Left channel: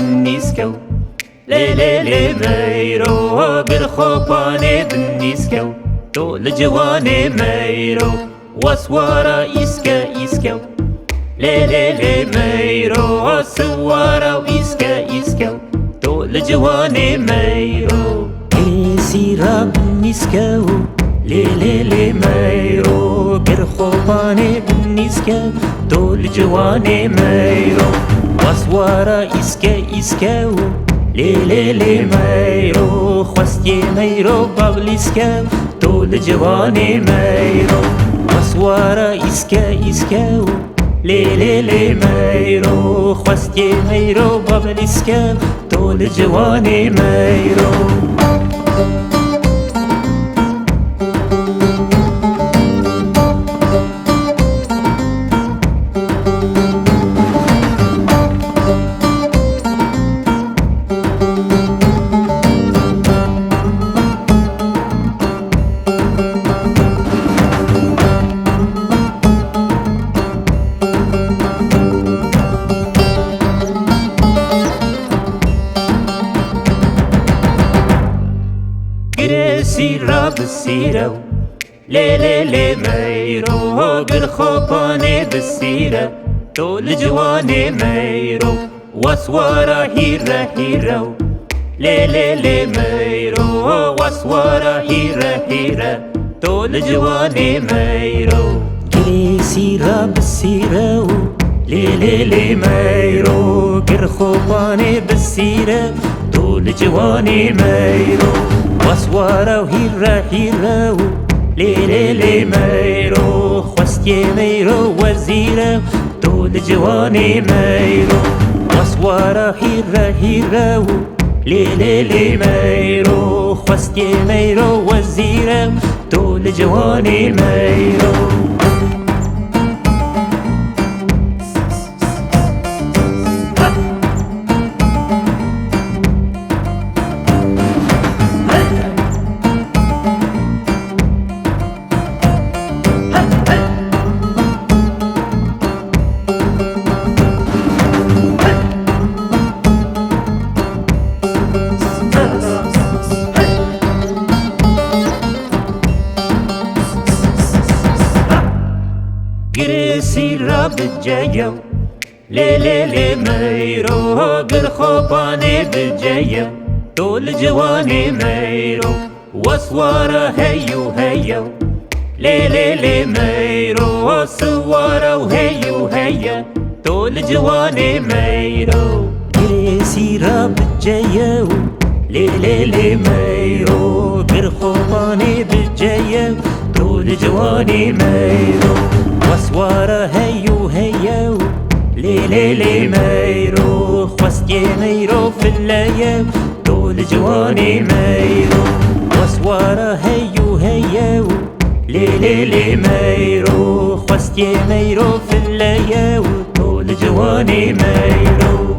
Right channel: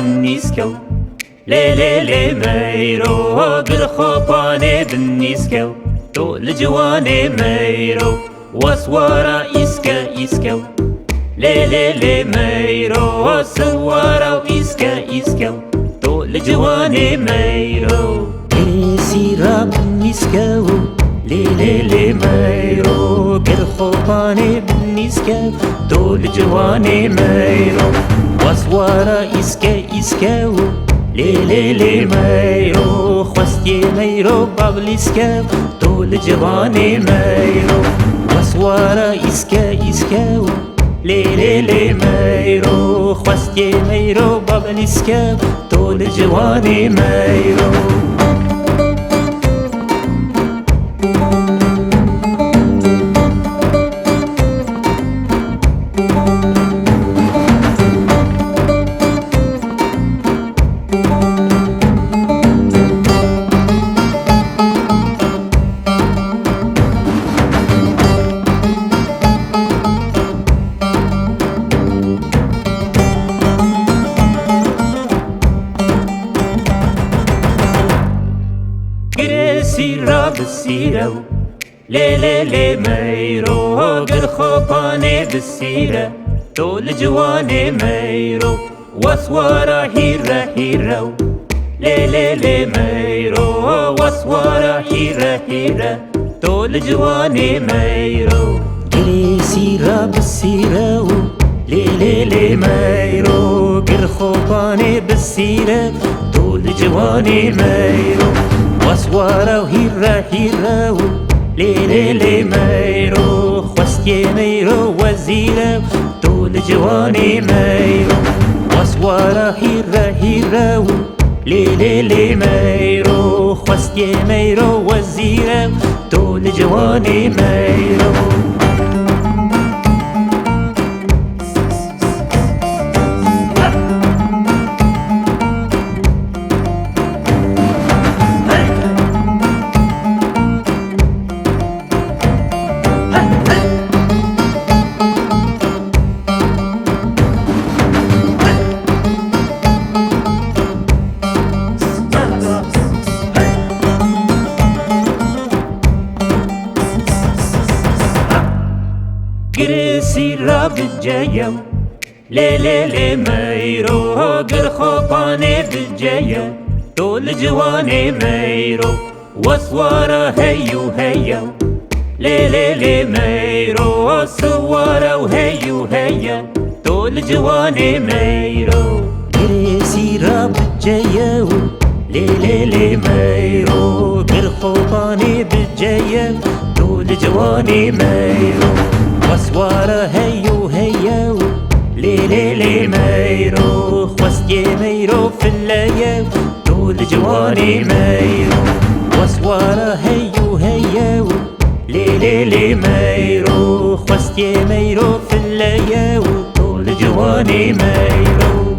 بالنيسكو ليلي ميرو قرخوباني بالنيسكو طول جواني ميرو وسوارا إسكو ليلي ميرو سوارا وإسكو طول جواني ميرو سيرا بالنيسكو ليلي ميرو قرخوباني بالنيسكو طول جواني ميرو وسوارا إسكو ليلي ميرو خوستي ميرو بابليسكو طول جواني ميرو وسوارا إسكو ليلي ميرو خوستي ميرو بابليسكو طول جواني ميرو سيرا بالسيرة ليلي ميرو قرخوباني بالسيرة طول جواني ميرو وسوارا هيرا ليلي ميرو وسوارا هيرا طول جواني ميرو سيرا بالسيرة ليلي ميرو قرخوباني بالسيرة طول جواني ميرو وسوارا وهيرا ليلي ميرو خوستي ميرو وزيرا طول جواني ميرو وسوارا هيرا ليلي ميرو خوستي ميرو وزيرا طول جواني ميرو سيرا بالجاية ليلي ميرو قرخوباني بالجاية طول جواني ميرو وسوارا هيو ليلي ميرو سوارا وهيو طول جواني ميرو سيرا بالجاية ليلي ميرو قرخوباني بالجاية طول جواني ميرو وسوارا هيو ليلي ميرو خوستي ميرو في الليل طول جواني ميرو وسوارا هيو ليلي ميرو خوستي ميرو في الليل طول جواني ميرو